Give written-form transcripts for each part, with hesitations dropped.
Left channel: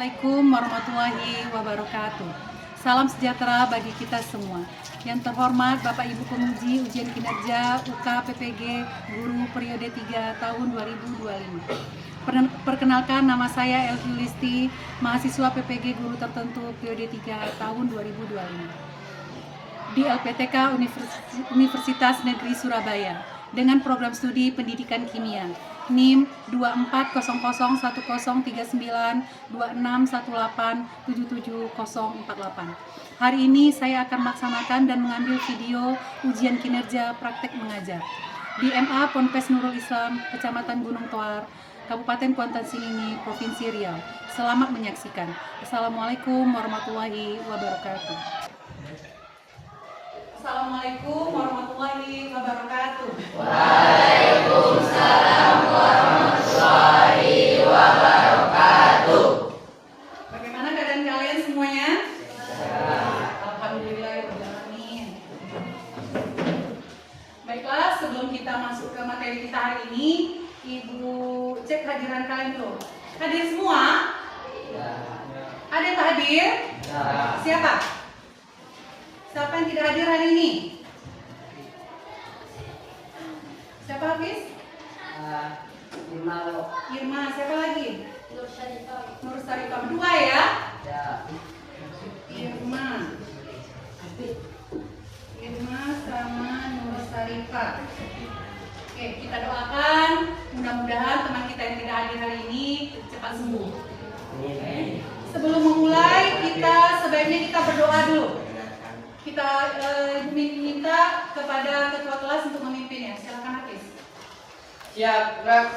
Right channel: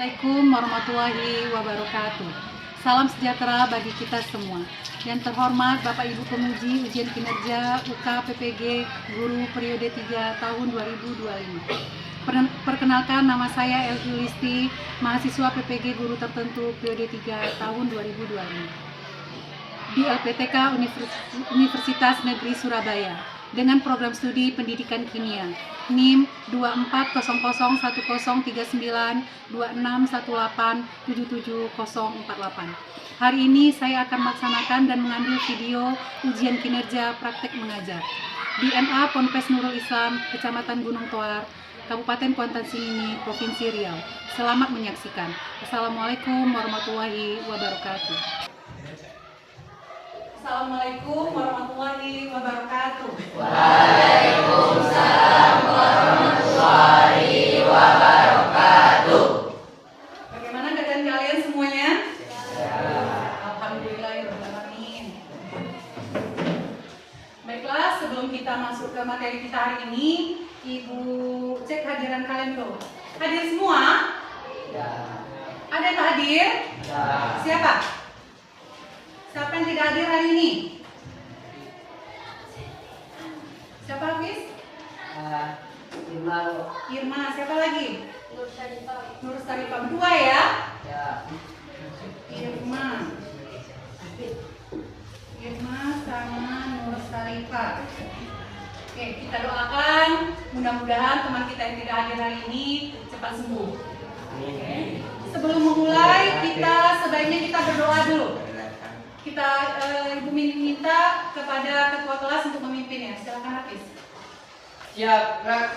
Assalamualaikum warahmatullahi wabarakatuh. Salam sejahtera bagi kita semua. Yang terhormat Bapak Ibu Penguji Ujian Kinerja UK PPG Guru Periode 3 tahun 2025. Perkenalkan, nama saya Elvi Listi, mahasiswa PPG Guru Tertentu Periode 3 tahun 2025 di LPTK Universitas Negeri Surabaya dengan program studi Pendidikan Kimia NIM 240010392618774048. Hari ini saya akan melaksanakan dan mengambil video ujian kinerja praktek mengajar di MA Ponpes Nurul Islam, Kecamatan Gunung Toar, Kabupaten Kuantan Sengingi, Provinsi Riau. Selamat menyaksikan. Assalamualaikum warahmatullahi wabarakatuh. Assalamualaikum warahmatullahi wabarakatuh. Waalaikumsalam warahmatullahi wabarakatuh. Bagaimana keadaan kalian semuanya? Alhamdulillahirrahmanirrahim. Baiklah, sebelum kita masuk ke materi kita hari ini, Ibu cek hadiran kalian dulu. Hadir semua? Ya. Ada yang tak hadir? Ya. Siapa? Siapa yang tidak hadir hari ini? Siapa Hafiz? Irma, siapa lagi? Nur Sarifah. Berdua ya? Ya. Irma sama Nur Sarifah. Oke, kita doakan mudah-mudahan teman kita yang tidak hadir hari ini cepat sembuh. Sebelum memulai, sebaiknya kita berdoa dulu. Kita Ibu minta kepada ketua kelas untuk memimpin ya. Silakan Hafiz. Siap, gerak.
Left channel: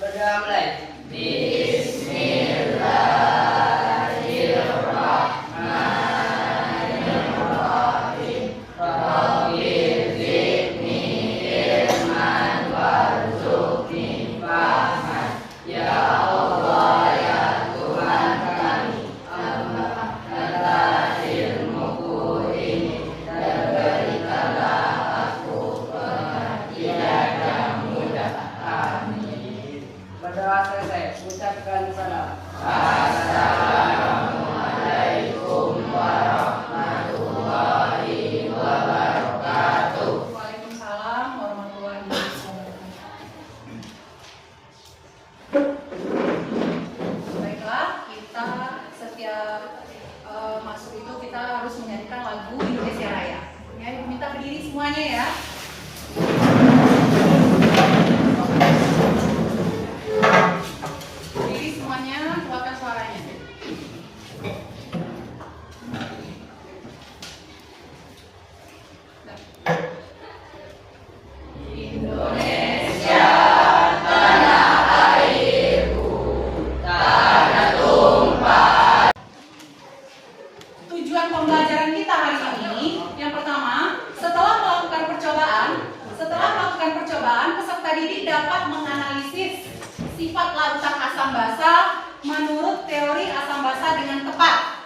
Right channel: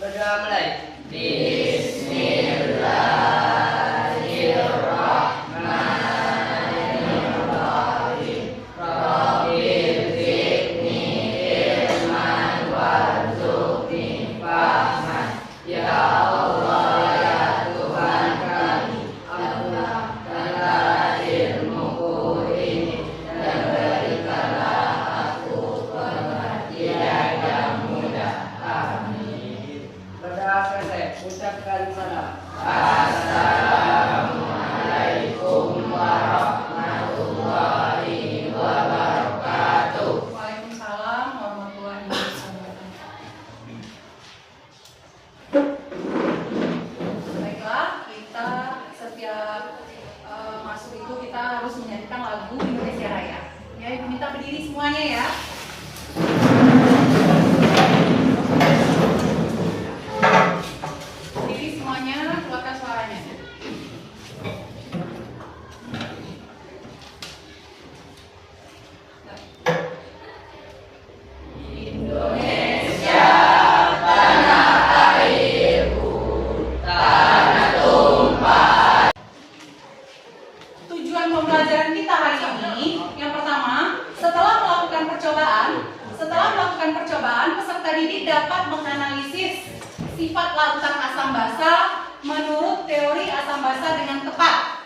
Berdoa mulai. Bismillahirrahmanirrahim. Rabbil zidni ilman warzuqni fahman. Ya Allah, ya Tuhan kami, ampunilah ilmuku ini dan berikanlah aku pengertian yang mudah. Amin. Berdoa selesai, ucapkan salam. Assalamualaikum warahmatullahi wabarakatuh. Waalaikumsalam warahmatullahi wabarakatuh. Baiklah, kita setiap masuk itu kita harus menyanyikan lagu Indonesia Raya. Ya, Ibu minta berdiri semuanya ya. Berdiri semuanya, keluarkan suaranya. Indonesia, tanah airku, tanah tumpah. Tujuan pembelajaran kita hari ini, yang pertama, setelah melakukan percobaan, peserta didik dapat menganalisis sifat larutan asam basa menurut teori asam basa dengan tepat.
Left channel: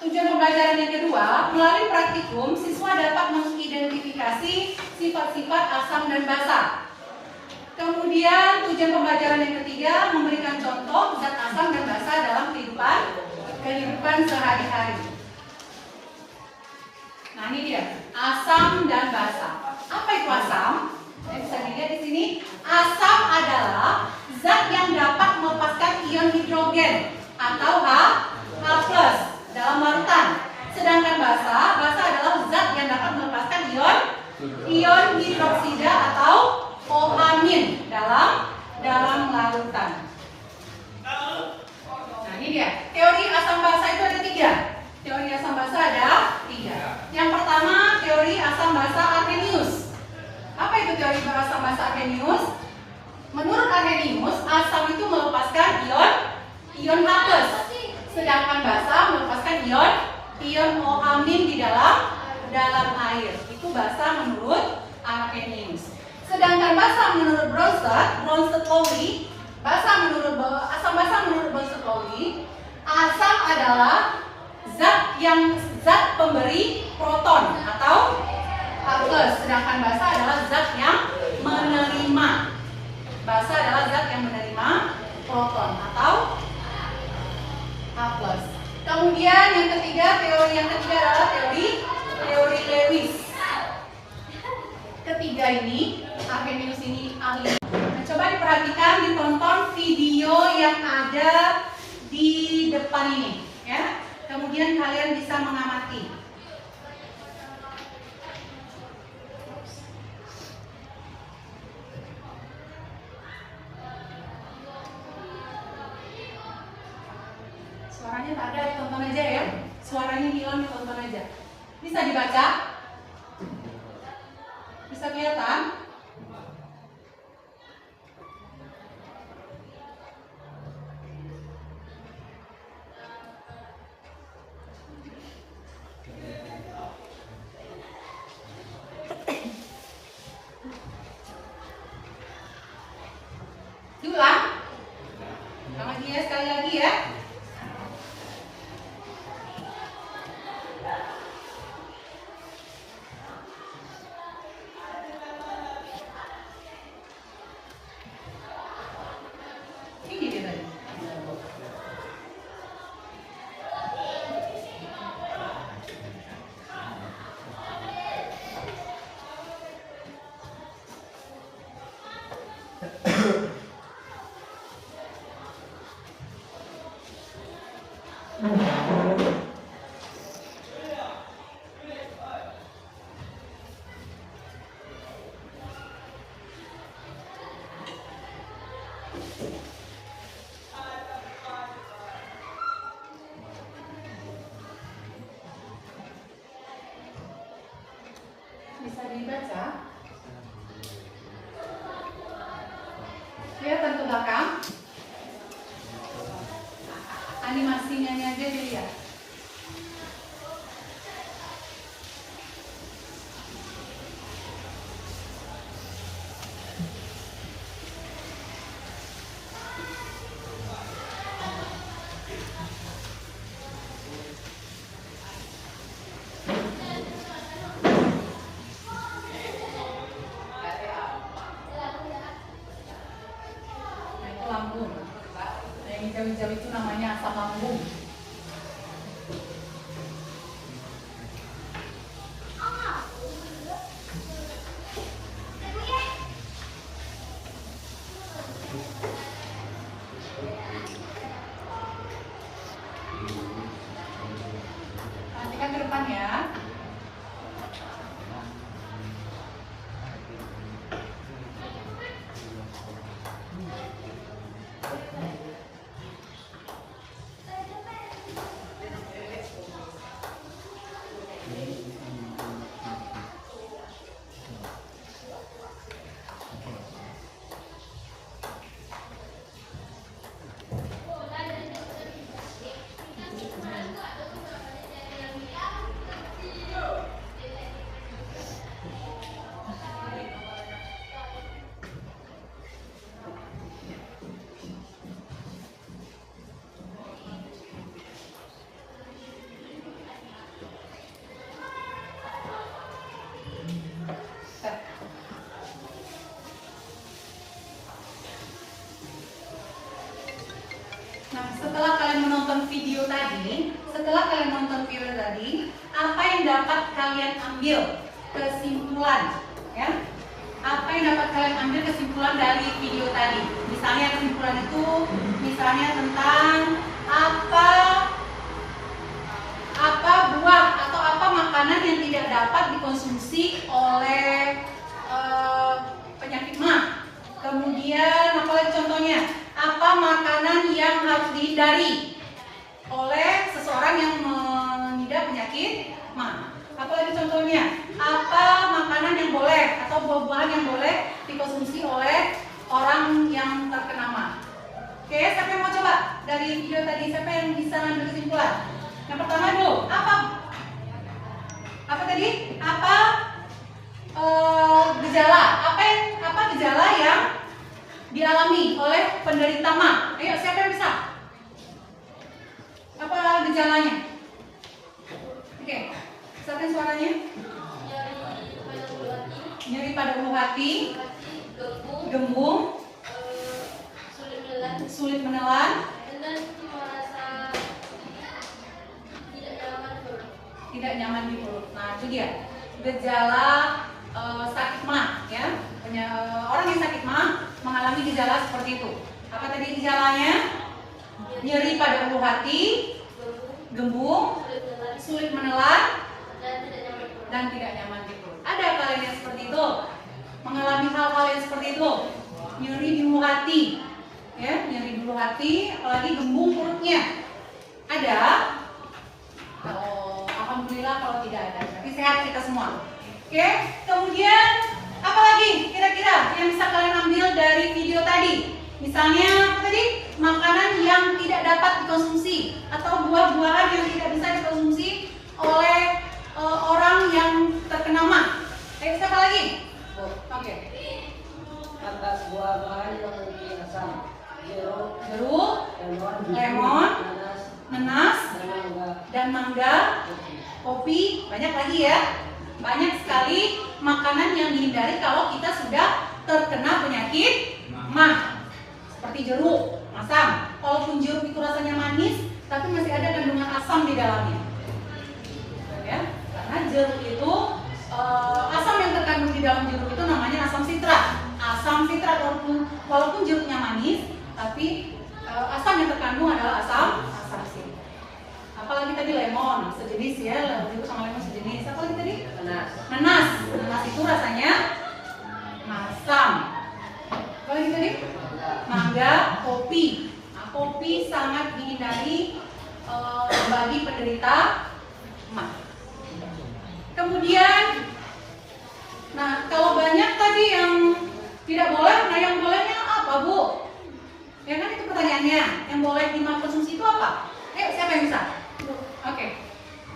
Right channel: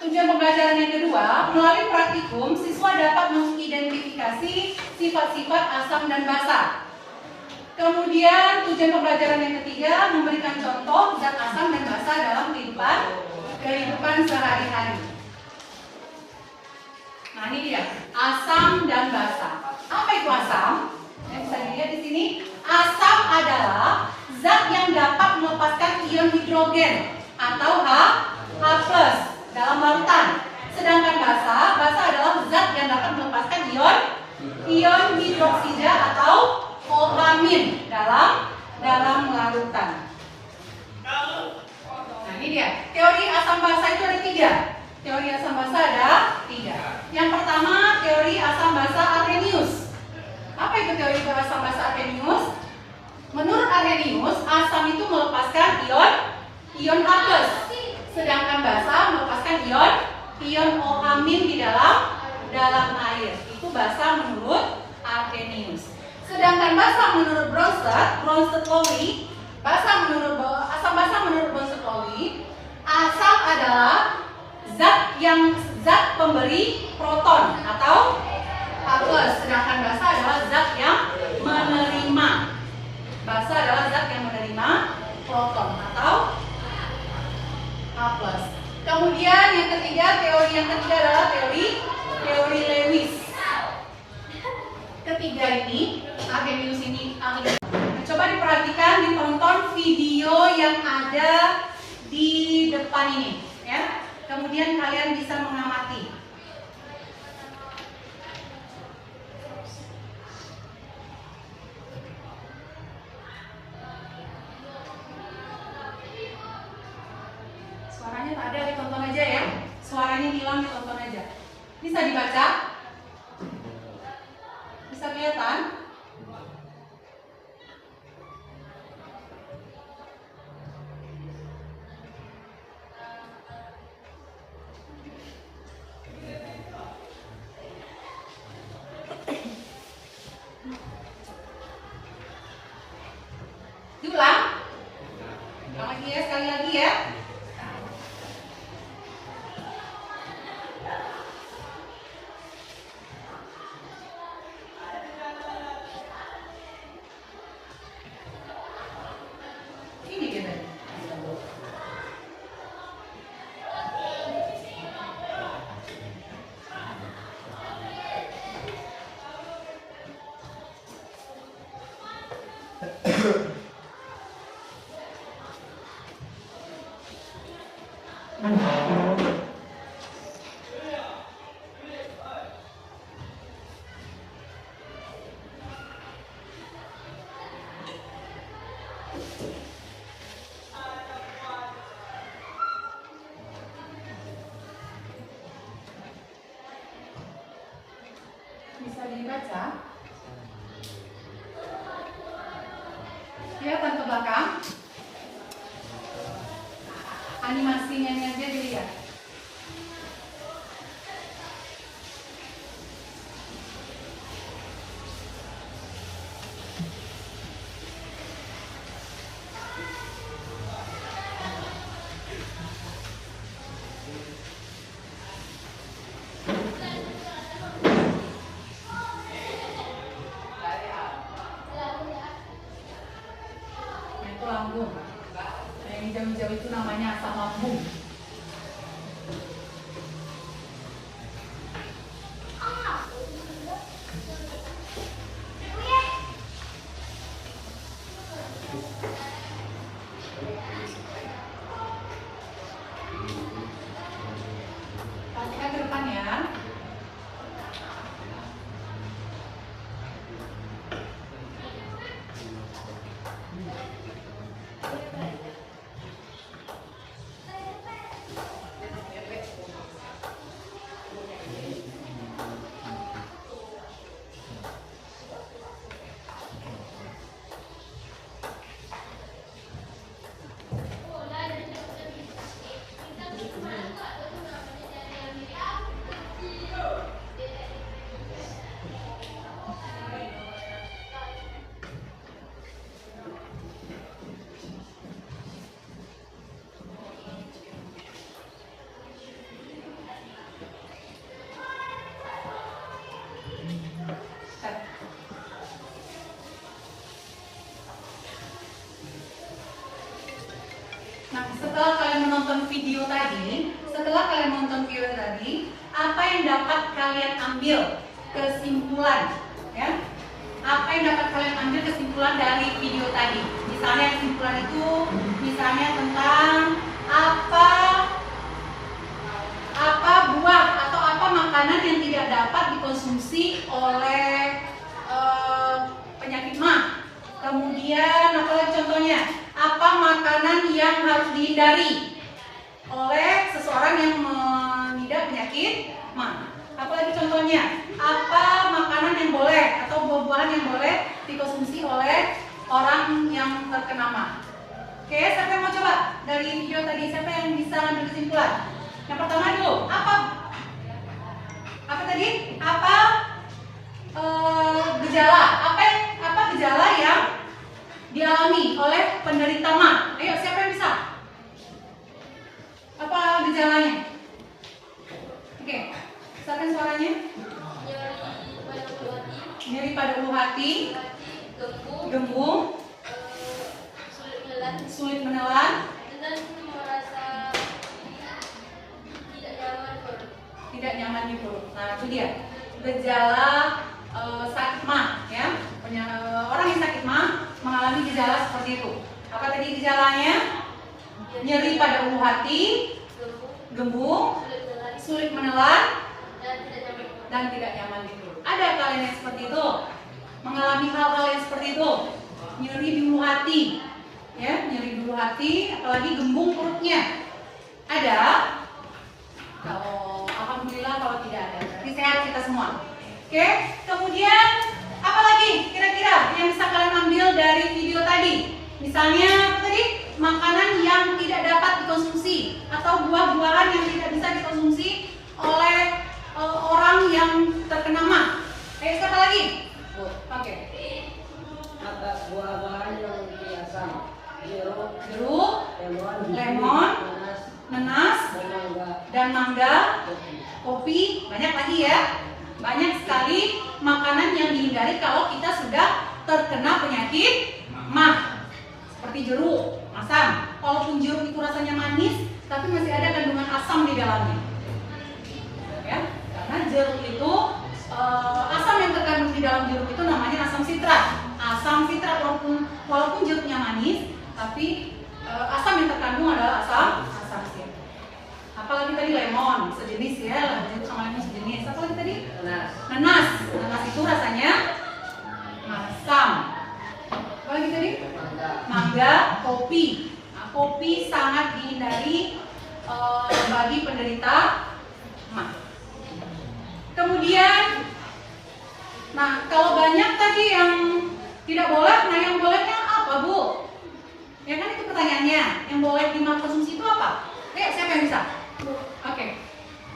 Tujuan pembelajaran yang kedua, melalui praktikum, siswa dapat mengidentifikasi sifat-sifat asam dan basa. Kemudian tujuan pembelajaran yang ketiga, memberikan contoh zat asam dan basa dalam kehidupan sehari-hari. Nah, ini dia, asam dan basa. Apa itu asam? Bisa dilihat di sini. Asam adalah zat yang dapat melepaskan ion hidrogen atau H+ dalam larutan. Sedangkan basa adalah zat yang dapat melepaskan ion hidroksida atau OH- dalam larutan. Nah, ini dia. Teori asam basa itu ada 3. Teori asam basa ada 3. Yang pertama, teori asam basa Arrhenius. Apa itu teori asam basa Arrhenius? Menurut Arrhenius, asam itu melepaskan ion H+, sedangkan basa melepaskan ion OH- di dalam air. Itu basa menurut Arrhenius. Sedangkan basa menurut Bronsted-Lowry, asam basa menurut Bronsted-Lowry, asam adalah zat pemberi proton atau H+, sedangkan basa adalah zat yang menerima. Basa adalah zat yang menerima proton atau H+. teori yang ketiga adalah teori Lewis. Ketiga ini, Arrhenius ini ahli. Nah, coba diperhatikan, ditonton video yang ada di depan ini, ya. Kemudian kalian bisa mengamati. Suaranya tak ada, ditonton aja ya. Suaranya hilang, ditonton aja. Bisa dibaca? Bisa kelihatan? Diulang? Ulang lagi ya, sekali lagi ya. Ini dia tadi. Bisa dibaca? Kelihatan ke belakang? Animasinya aja dilihat. Nah, itu lambung. Nah, yang hijau-hijau itu namanya asam lambung. Lanjutkan ke depan ya. Nah, setelah kalian menonton video tadi, apa yang dapat kalian ambil kesimpulan, ya? Apa yang dapat kalian ambil kesimpulan dari video tadi? Misalnya kesimpulan itu, misalnya tentang apa buah atau apa makanan yang tidak dapat dikonsumsi oleh penyakit mah. Kemudian apa lagi contohnya? Apa makanan yang harus dihindari oleh seseorang yang mengidap penyakit mah? Apa lagi contohnya? Apa makanan yang boleh atau buah-buahan yang boleh dikonsumsi oleh orang yang terkena mah? Oke, siapa yang mau coba dari video tadi? Siapa yang bisa ambil kesimpulan? Yang pertama dulu, apa tadi? Gejala? Apa gejala yang dialami oleh penderita mah? Ayo, siapa yang bisa? Apa gejalanya? Oke, siapin suaranya. Nyeri pada ulu hati, gembung, sulit menelan, tidak nyaman di perut. Nah, itu dia gejala sakit mah, ya. Orang yang sakit mah mengalami gejala seperti itu. Apa tadi gejalanya? Nyeri pada ulu hati, gembung, sulit menelan, dan tidak nyaman di perut. Ada kalian yang seperti itu? Mengalami hal-hal yang seperti itu? Nyeri di ulu hati, ya, nyeri di ulu hati, apalagi gembung perutnya. Ada? Kalau alhamdulillah, kalau tidak ada, berarti sehat kita semua. Oke, kemudian apa lagi kira-kira yang bisa kalian ambil dari video tadi? Misalnya apa tadi? Makanan yang tidak dapat dikonsumsi atau buah-buahan yang tidak bisa dikonsumsi oleh orang yang terkena mah. Siapa lagi? Oke. Atas buah-buahan yang asam, Jeruk, lemon, nanas, dan mangga, kopi, banyak lagi ya. Banyak sekali makanan yang dihindari kalau kita sudah terkena penyakit mah. Seperti jeruk, asam. Walaupun jeruk itu rasanya manis, tapi masih ada kandungan asam di dalamnya. Ya, karena jeruk itu asam yang terkandung di dalam jeruk itu namanya asam sitrat. Asam sitrat walaupun jeruknya manis, tapi asam yang terkandung adalah asam sitrat. Apalagi tadi lemon, sejenis ya, lemon itu sama lemon sejenis. Apa lagi tadi? Nanas. Nanas itu rasanya masam. Apa lagi tadi? Mangga, kopi. Nah, kopi sangat dihindari bagi penderita mah. Kemudian, nah kalau banyak tadi yang tidak boleh, nah yang bolehnya apa, Bu? Ya kan itu pertanyaannya. Yang boleh dikonsumsi itu apa? Siapa yang bisa? Oke.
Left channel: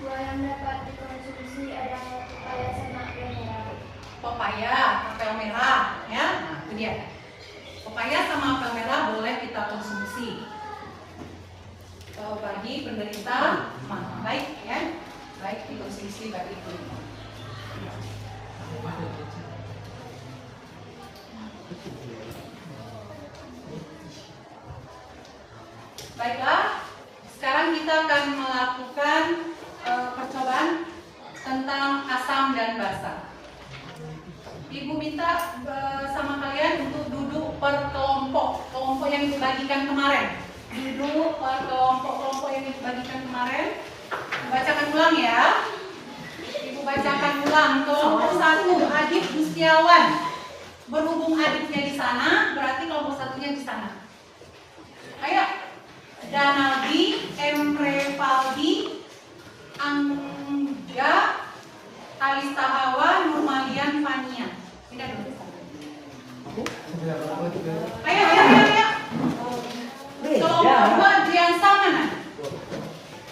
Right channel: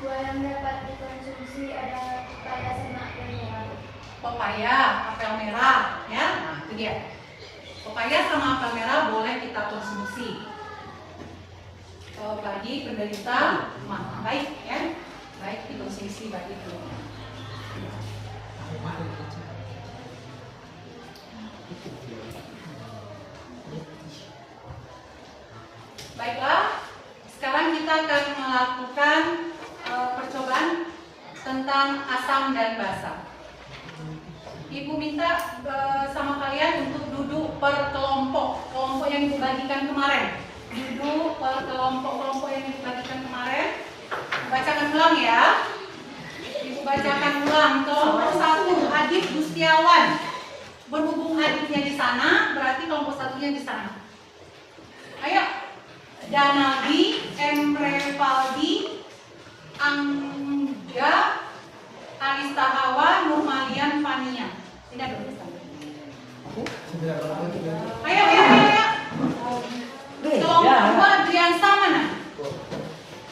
Buah yang dapat dikonsumsi adalah pepaya sama apel merah. Pepaya, apel merah, ya. Nah, itu dia. Pepaya sama apel merah boleh kita konsumsi bagi penderita mah. Baik, ya. Baik dikonsumsi bagi itu. Baiklah. Sekarang kita akan melakukan percobaan tentang asam dan basa. Ibu minta sama kalian untuk duduk per kelompok yang dibagikan kemarin. Duduk per kelompok yang dibagikan kemarin. Bacakan ulang ya. Ibu bacakan ulang. Kelompok 1 Adit Gustiawan. Berhubung Aditnya di sana, berarti kelompok 1-nya di sana. Ayo. Danaldi, Emrevaldi, Angga, Alista Hawa, Nurmalian, Fania. Tidak dulu. Ayo. Kelompok 2 Adriansa mana?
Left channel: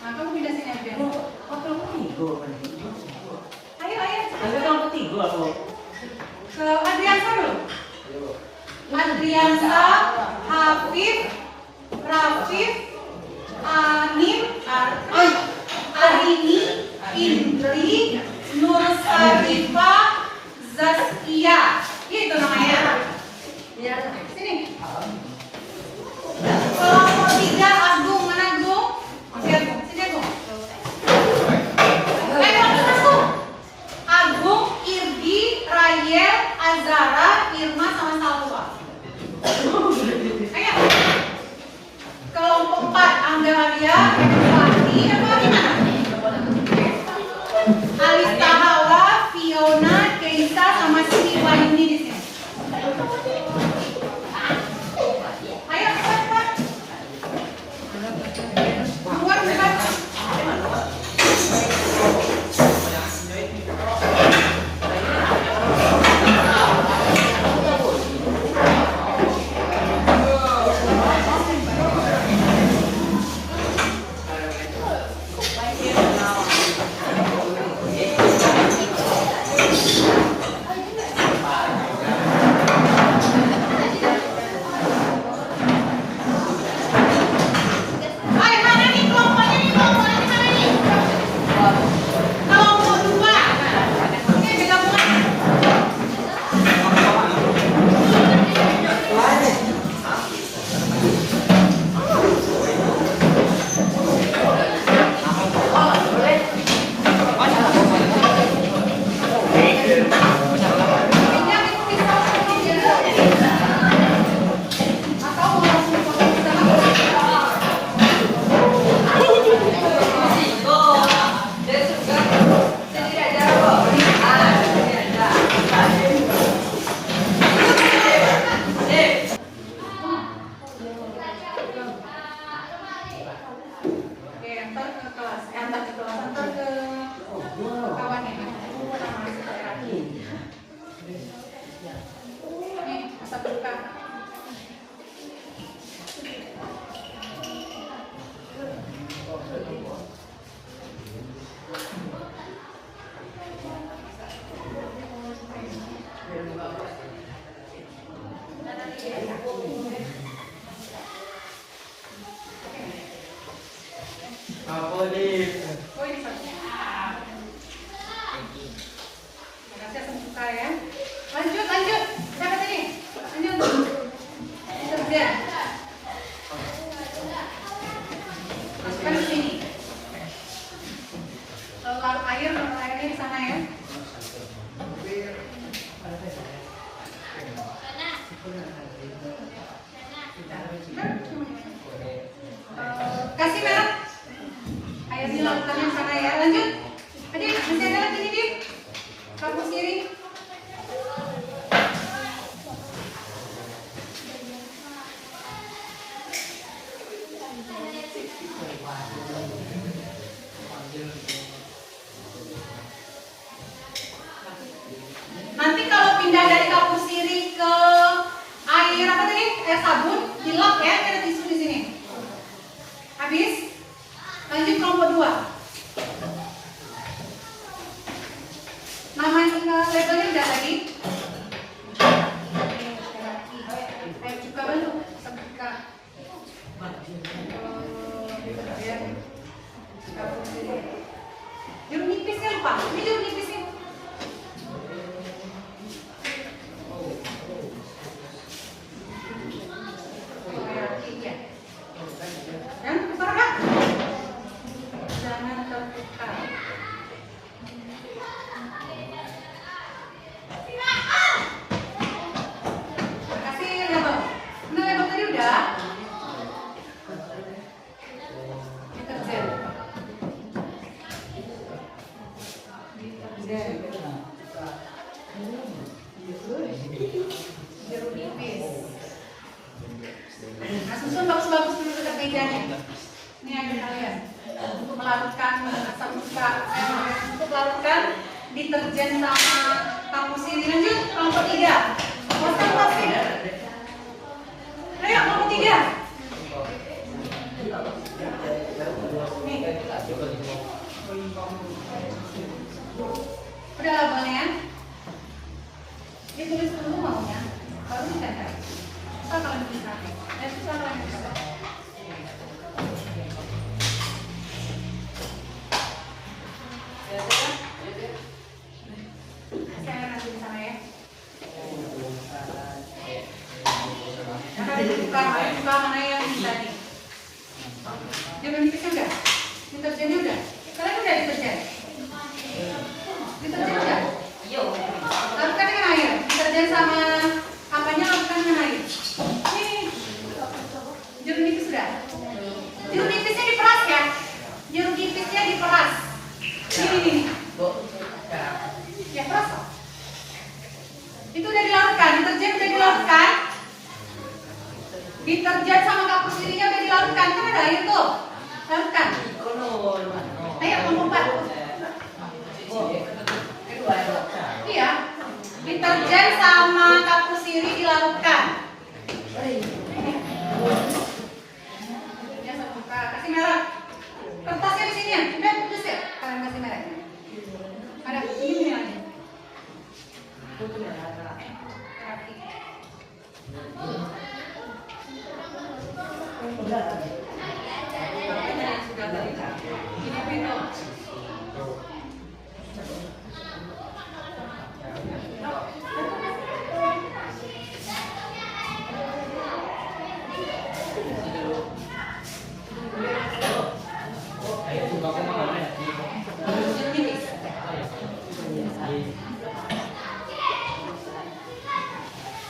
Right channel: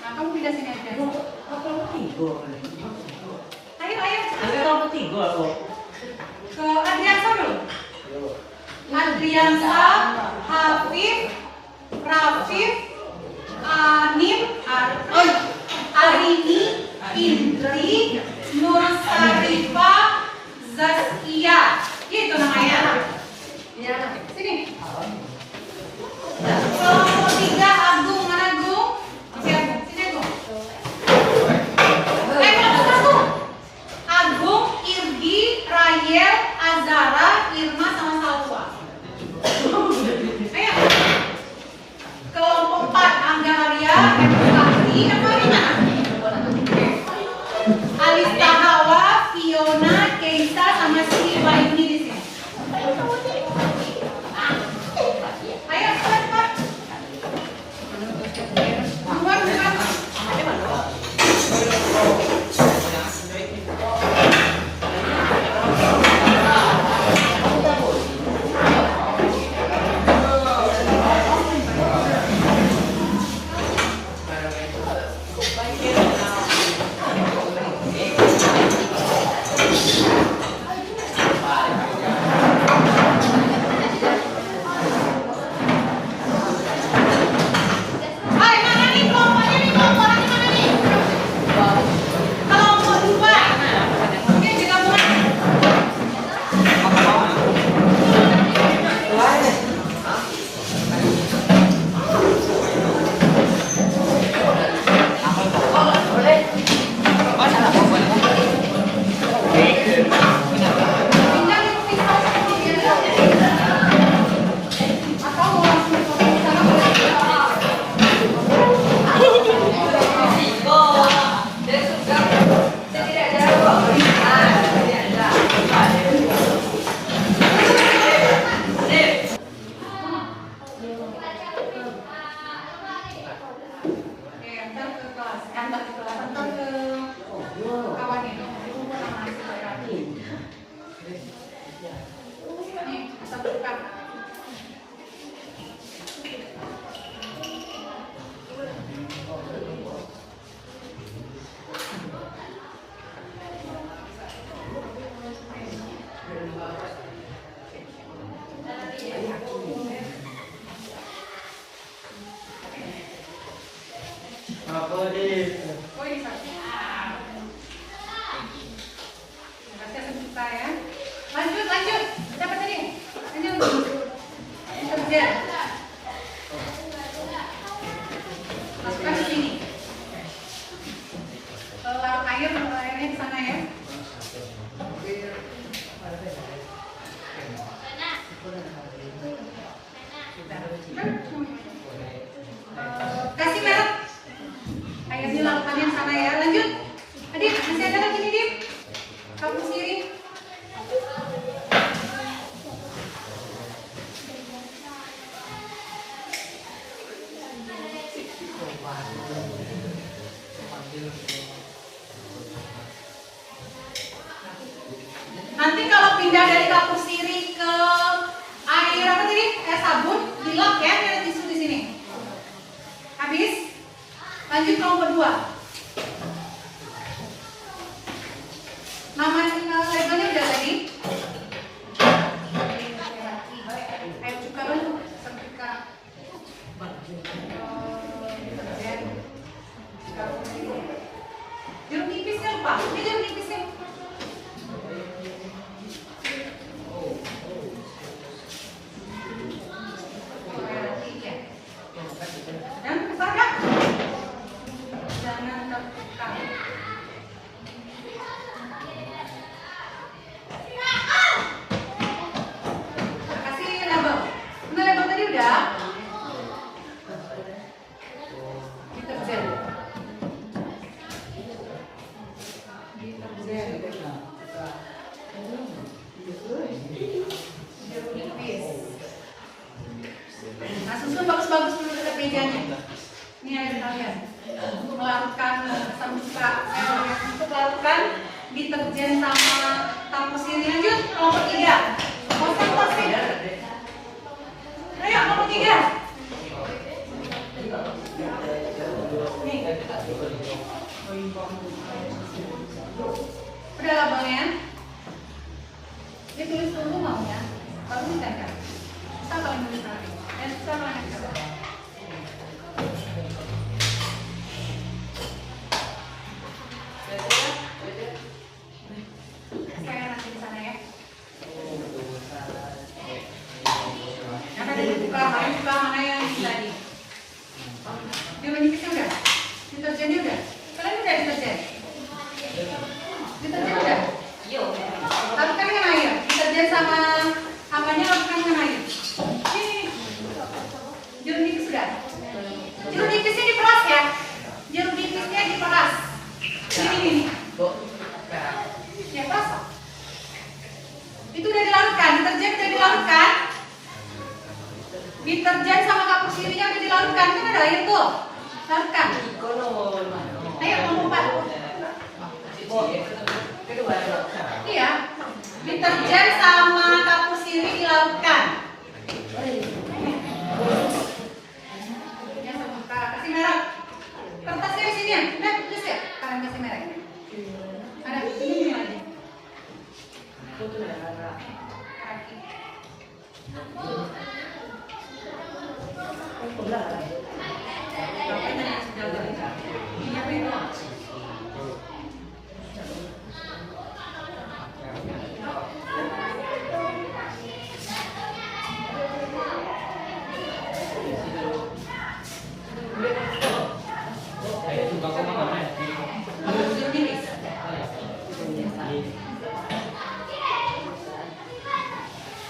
Nah, kamu pindah sini aja. Ayo. kelompok 3 atau? Ke Adriansa dulu. Adriansa, Hafif, Rafif, Anim, Arini, Indri, Nur Sarifah, Zaskia. Gitu namanya. Sini. Kelompok 3 Agung, mana Agung? Oke, Agung. Sini Agung. Kelompok 1 Agung, Irgi, Rayel, Azara, Irma sama Salwa. Ayo. Kelompok 4 Angga Arya, Edwardni, Edwardni mana? Alista Hawa, Fiona, Keisa sama Siti Wayuni di sini. Ayo cepat. Keluar cepat. Apa nih? Oh ini satu. Kasih sebentar ya. Lanjut. Siapa tadi? Lanjut. Deterjen. Masukkan ke sini. Larut airnya di sana ya. Kasih merek. Airnya larutannya di sana ya. Lanjut. Adit, masih ada lagi nih, Dit. Kamu sendiri. Nanti kalau pindah dari kapur sirih ke air apa tadi? Air sabun, dilap ya, ada tisu di sini. Habis. Lanjut kelompok 2. Nama labelnya udah tadi. Air cuka baru, setrika. Jeruk nipisnya lupa. Ini jeruk nipisnya. Dan besarkan. Jangan terbuka. Kasih label. Mana label tadi udah? Deterjen. Jeruk nipis. Nah, susun bagus-bagus dulu dekat mejanya. Ini air kalian untuk melarutkan asam cuka, untuk melarutkan deterjen sama kapur sirih. Lanjut kelompok 3. Konsentrasi. Ayo kelompok 3. Nih. Udah labelnya. Ditulis dulu maunya, baru ditempel. Bisa kalian tulis lagi. Bisa kalian coba. Saya nanti di sana ya. Yang ada dibuka, mana yang bisa nih? Jeruk nipisnya udah, deterjennya udah. Kalian udah deterjen? Deterjen udah? Lakukan dengan air. Deterjen sama apanya lakukan dengan air. Ini. Jeruk nipis sudah. Jeruk nipisnya diperas ya. Jeruk nipisnya diperas. Ini. Ya peras. Itu udah dilarutkan. Deterjen udah dilarutkan. Deterjen sama kapur sirihnya udah dilarutkan. Itu ada air tuh. Larutkan. Ayo kelompok 4. Iya. Deterjen sama kapur sirih dilarutkan. Ya, buka. Kasih merek. Kertasnya di sini ya. Udah tulis ya. Kalian kasih merek. Ada ini lagi.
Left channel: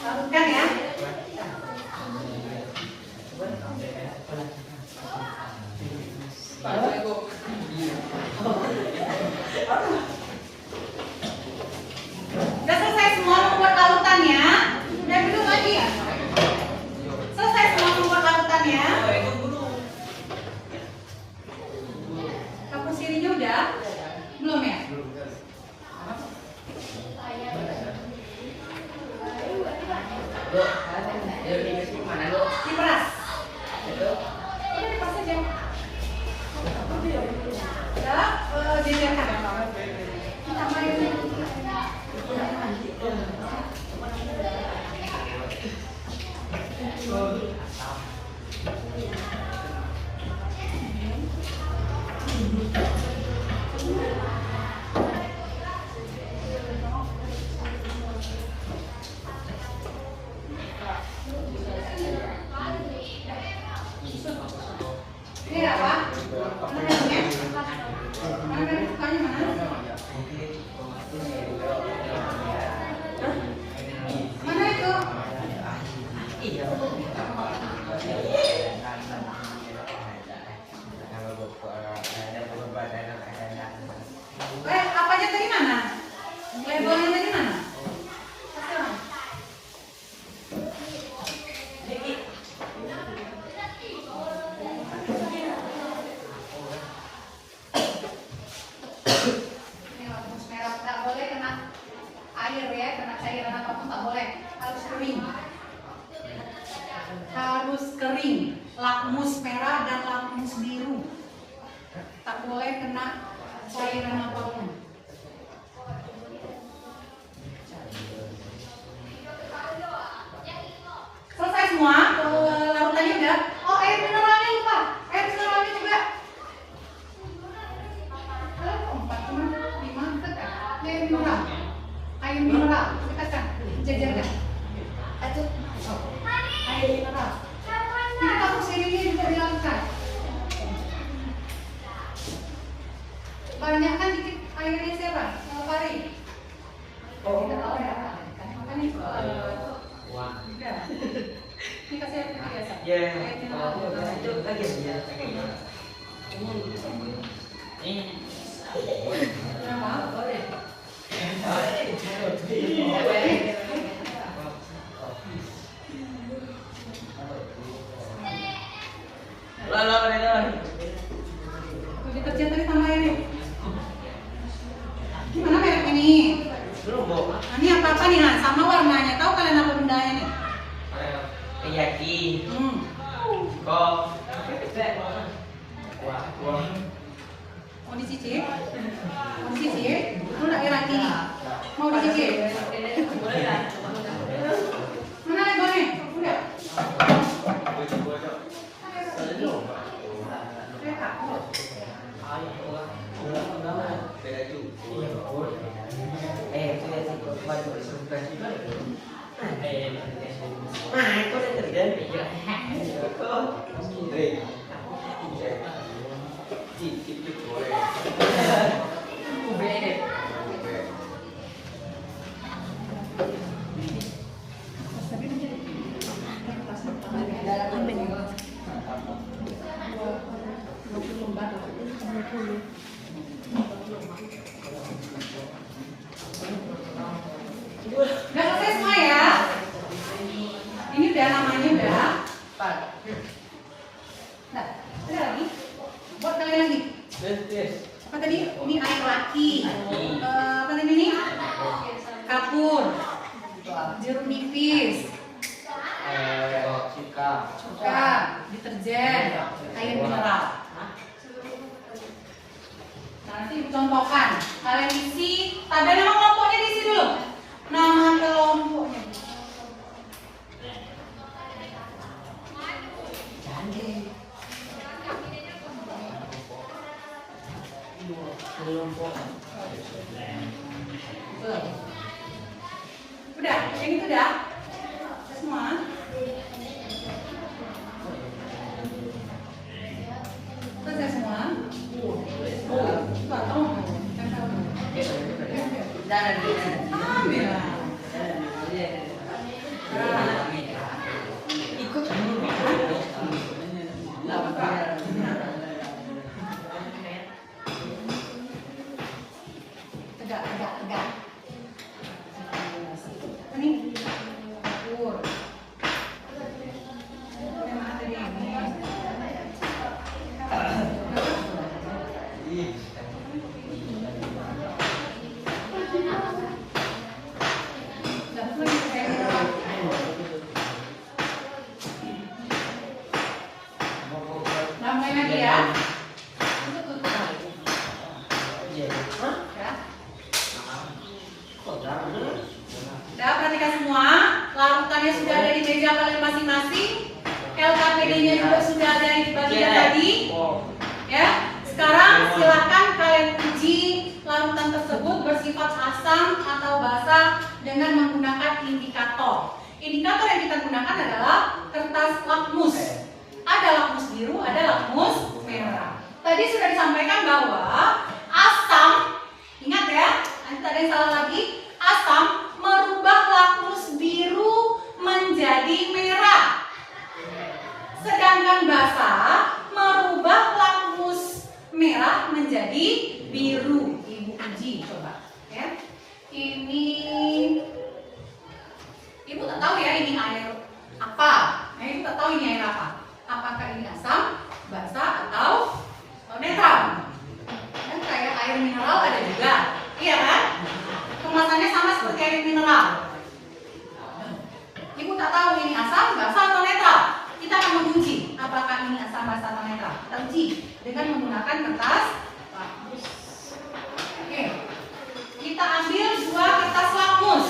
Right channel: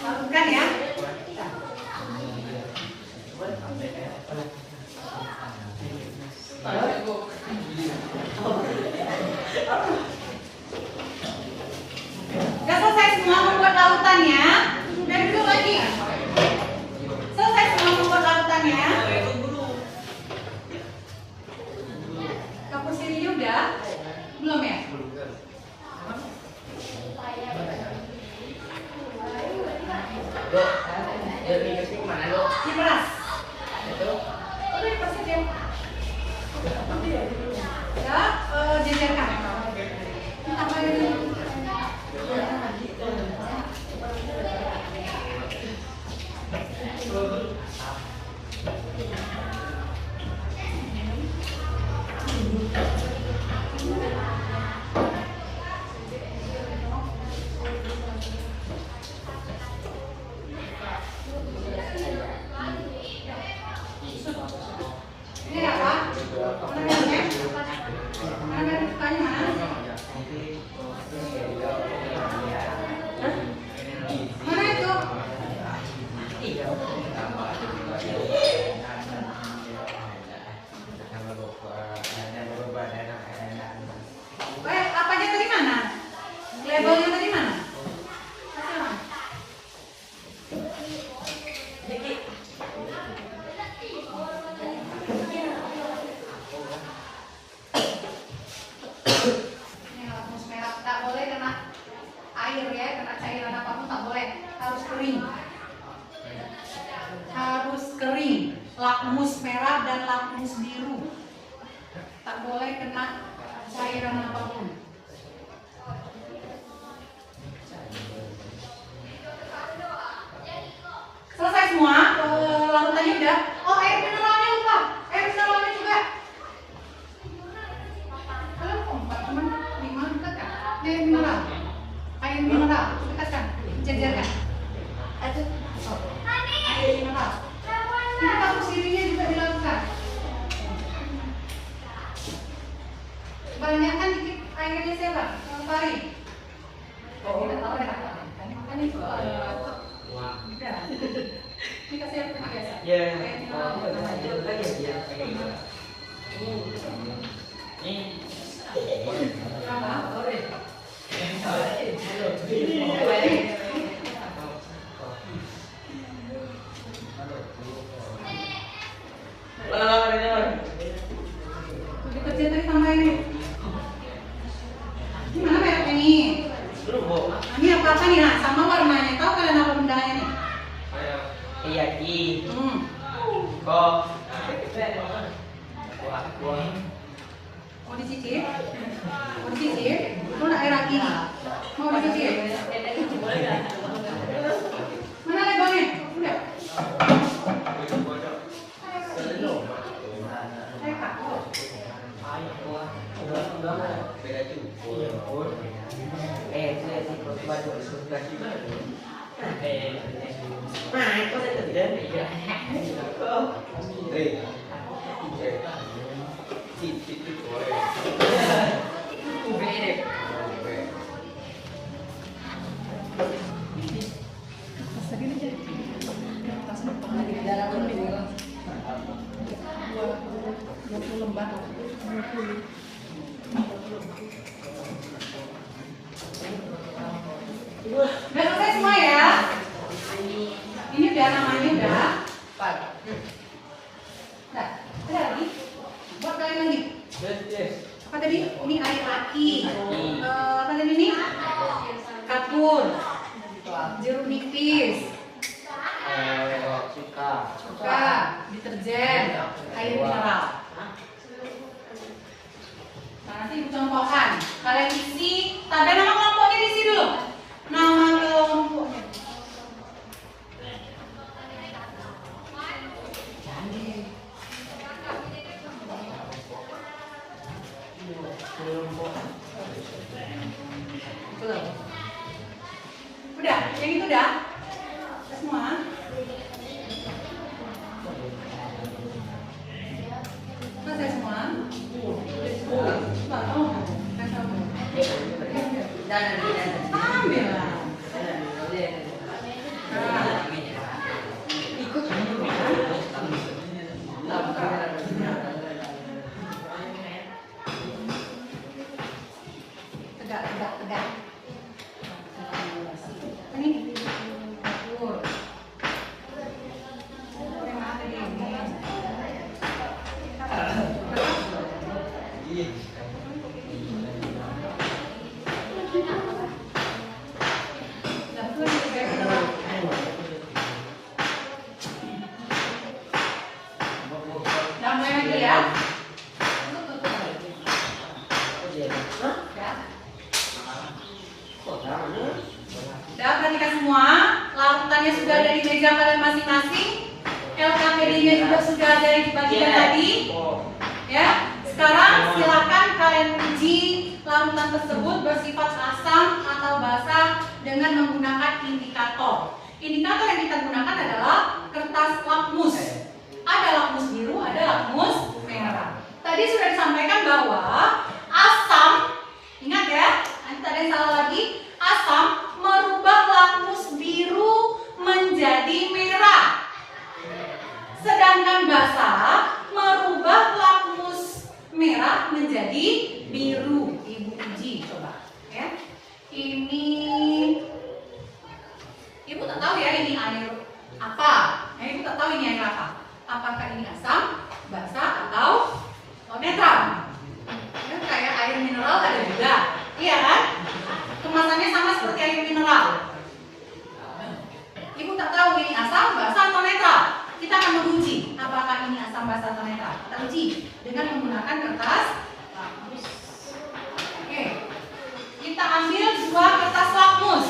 Larutkan ya. Udah selesai semua membuat larutannya. Dan duduk lagi ya. Selesai semua membuat larutannya. Kapur sirihnya udah? Belum ya? Dok, dia dikasih kemana dok? Diperas. Itu? Udah diperas aja. Ya, jajarkan. Labelnya tadi mana? Labelnya tadi mana? Kasih orang. Ini lakmus merah, nggak boleh kena air ya, kena cairan apapun tak boleh, harus kering. Harus kering. Lakmus merah dan lakmus biru. Tak boleh kena cairan apapun. Selesai semua, larutannya udah. Oh, air mineralnya lupa. Air mineralnya juga. Kalian kok 4 cuma 5 dekat kan? Air mineral. Air mineral, dekat kan? Jajarkan. Itu air mineral. Ini kasus dirinya juga dilakukan. Banyak kan dikit airnya siapa? Yang Fari. Kita tahu ada apa kan? Makanya itu. Udah. Ini kasih air putih biasa. Ya, Air mineral. lagi ya. Ini Berapa? Boleh. lah katanya. Udah kerja tadi tambah ini. Gimana mereknya nih? Belum, Bu. Nah, ini apa nih? Nah, sama warnanya. Tahu kalian apa bendanya nih? Kiyaki. Kok. Wah. Mau dicicip? Mau dicicip? Lu nak air lagi nih? Mau dicicip? Mana labelnya? Udah. Udah selesai semua ya? Ini udah namanya udah. Nah, ada lagi? Buat kalian lagi. Yes. Apa tadi? Ini air laki. Apa tadi ini? Kapur. Jeruk nipis. Cuka. Deterjen. Air mineral. Nah, nanti dicontohkan. Kalian isi. Ada nama kelompoknya di sini dulu. Nama kelompoknya. Udah, yang itu udah. Udah semua. Selesai semua. Nggak tahu. Nggak tahu. Ambil lah. Ikut. Tegak. Ini. Kapur. Yang mana tadi ini? Dapur juga kayak namanya lagi ya. Tutup. Ya. Udah perhatikan semua. Larutannya sudah ada di meja kalian masing-masing. LKPD-nya juga sudah ada di bagian tadi. Ya. Sekarang silakan kalian uji larutan tersebut bersifat asam atau basa dengan menggunakan indikator. Indikator yang kita gunakan adalah kertas lakmus. Ada lakmus biru, ada lakmus merah. Tadi sudah disampaikan bahwa asam, ingat ya, nanti ada yang salah lagi, asam merubah lakmus biru menjadi merah. Sedangkan basa merubah lakmus merah menjadi biru. Ibu uji coba ya. Ini ibu tak tahu ya ini air apa. Nah, ibu tak tahu ini air apa. Apakah ini asam, basa atau netral? Kan kayak air mineral ada juga, iya kan? Kemasannya sama seperti air mineral. Ibu tak tahu ini asam, basa atau netral. Kita akan menguji apakah ini asam, basa atau netral. Kita uji dengan menggunakan kertas lakmus. Oke. Kita ambil 2 kertas lakmus.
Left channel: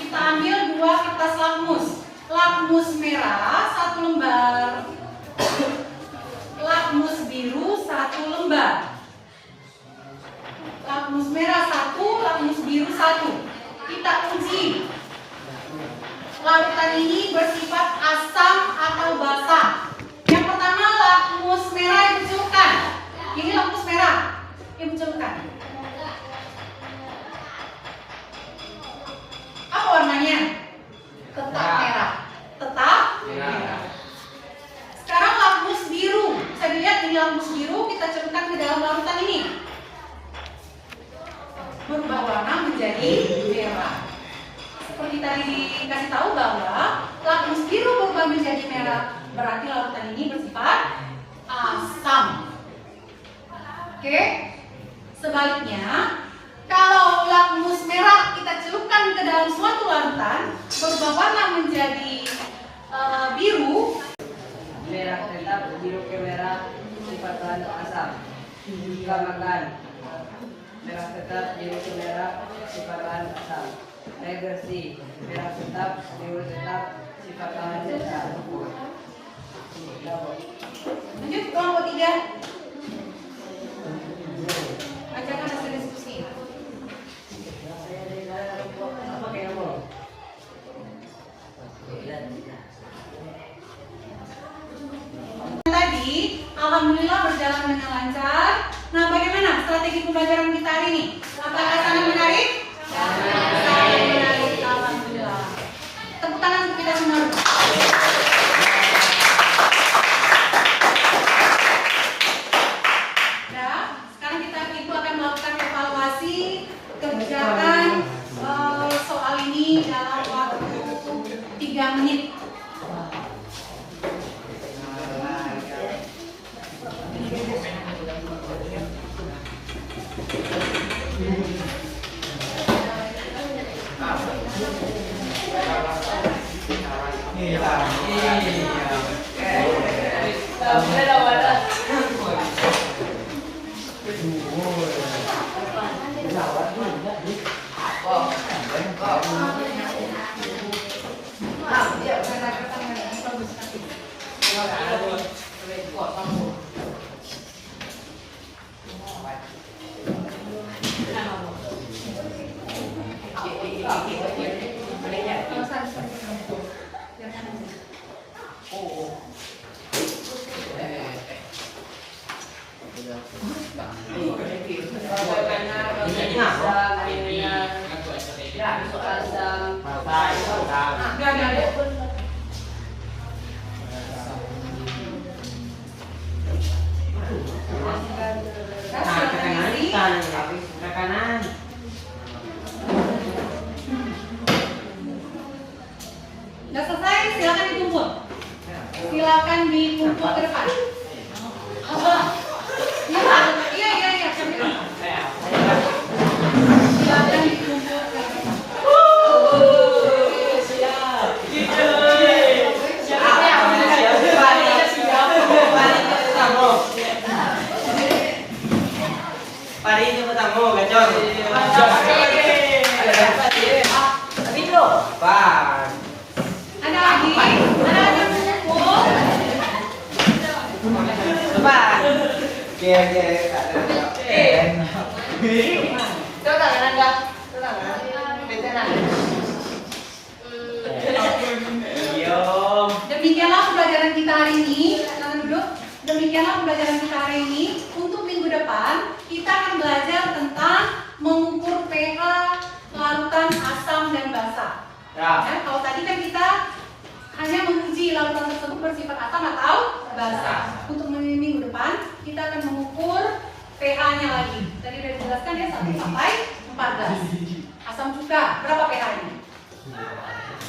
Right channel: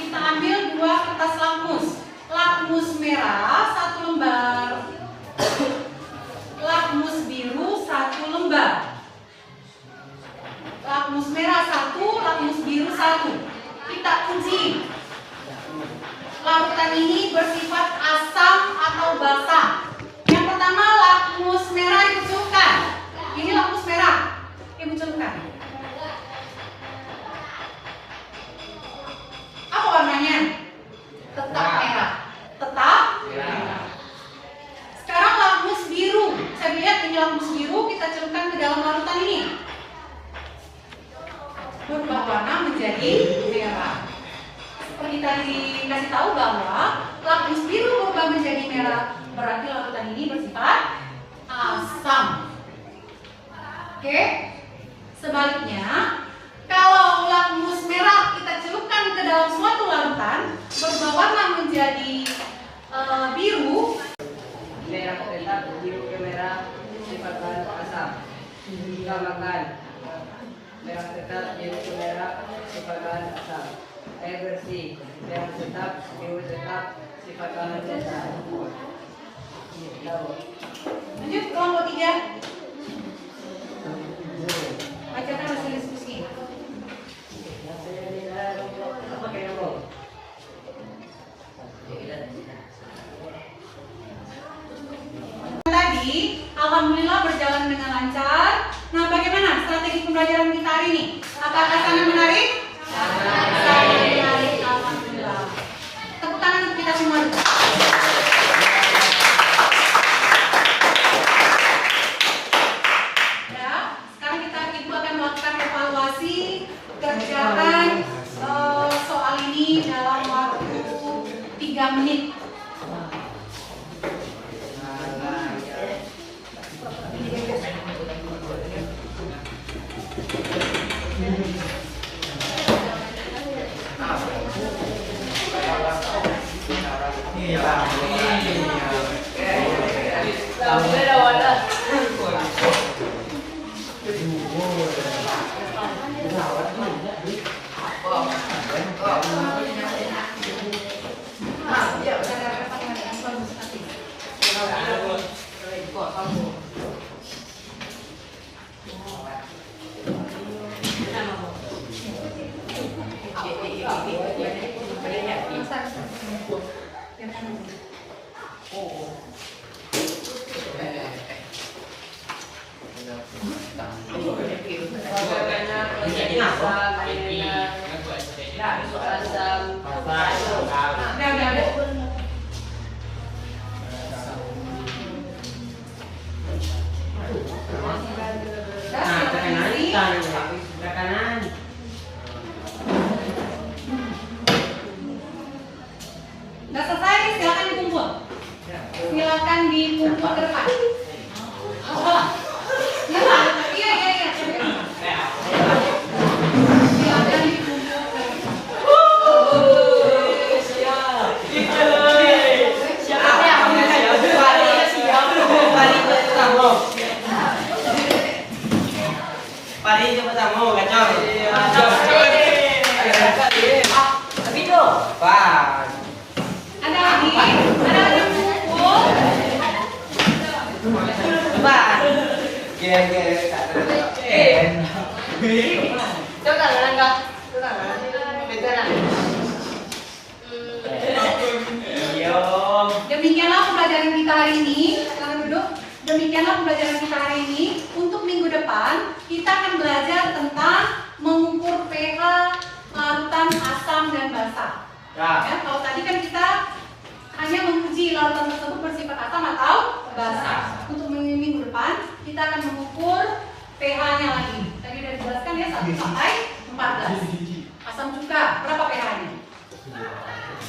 Kita ambil 2 kertas lakmus. Lakmus merah 1 lembar. Lakmus biru 1 lembar. Lakmus merah 1, lakmus biru 1. Kita uji. Larutan ini bersifat asam atau basa. Yang pertama lakmus merah ibu celupkan. Ini lakmus merah. Ibu celupkan. Apa warnanya? Tetap merah. Tetap merah. Sekarang lakmus biru. Saya lihat ini lakmus biru, kita celupkan ke dalam larutan ini. Berubah warna menjadi merah. Seperti tadi dikasih tahu bahwa lakmus biru berubah menjadi merah, berarti larutan ini bersifat asam. Oke. Sebaliknya, kalau lakmus merah kita celupkan ke dalam suatu larutan, berubah warna menjadi biru. Merah tetap, biru ke merah, sifat bahan asam. Tambahkan. Merah tetap, biru ke merah, sifat bahan asam. Air bersih, merah tetap, biru tetap, sifat bahan netral. Lanjut kelompok 3. Bacakan hasil diskusi. Apa kayak kamu? Tadi, alhamdulillah berjalan dengan lancar. Nah, bagaimana strategi pembelajaran kita hari ini? Apakah sangat menarik? Sangat menarik, alhamdulillah. Tepuk tangan untuk kita semua. Ya, sekarang ibu akan melakukan evaluasi kerjakan soal ini dalam waktu 3 menit. Kanan. Udah selesai, silakan dikumpul. Silakan dikumpul ke depan. Iya, iya. Silakan dikumpul ke depan. Pari jemput tamu, gacor. Pak. Ada lagi? Ada yang kumpul? Pak. Coba tangan enggak? Coba tangan. Beda. Demikianlah pembelajaran kita hari ini. Silakan duduk. Demikianlah pembelajaran kita hari ini. Untuk minggu depan kita akan belajar tentang mengukur pH larutan asam dan basa. Ya, kalau tadi kan kita hanya menguji larutan tersebut bersifat asam atau basa. Untuk minggu depan kita akan mengukur pH-nya lagi. Tadi udah dijelaskan ya 1 sampai 14. Asam cuka berapa pH-nya?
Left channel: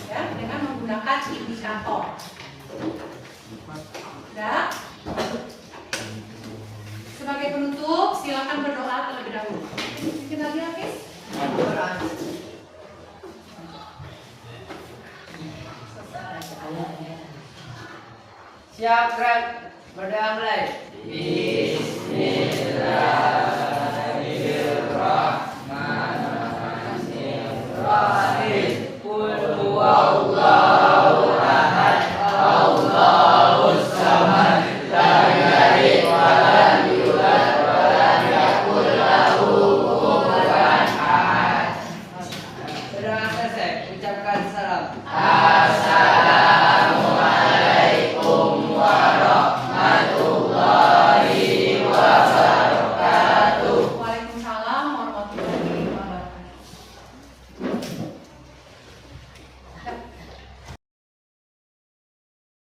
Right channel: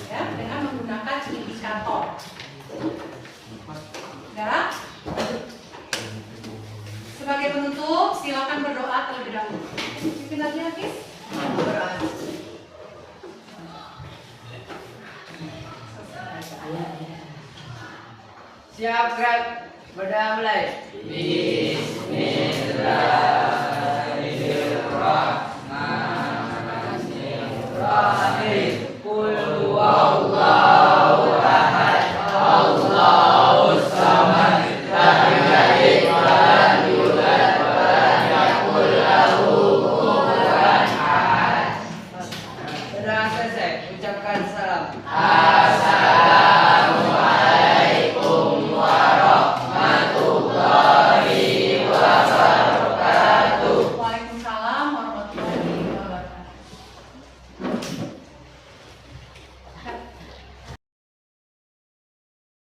Ya, dengan menggunakan indikator. Ya. Sebagai penutup, silakan berdoa terlebih dahulu. Bikin lagi Hafiz? Siap, Grab. Berdoa mulai. Bismillahirrahmanirrahim. Qul huwallahu ahad. Allahus samad. Lam yalid wa lam yulad wa lam yakul lahu kufuwan ahad. Berdoa selesai. Ucapkan salam.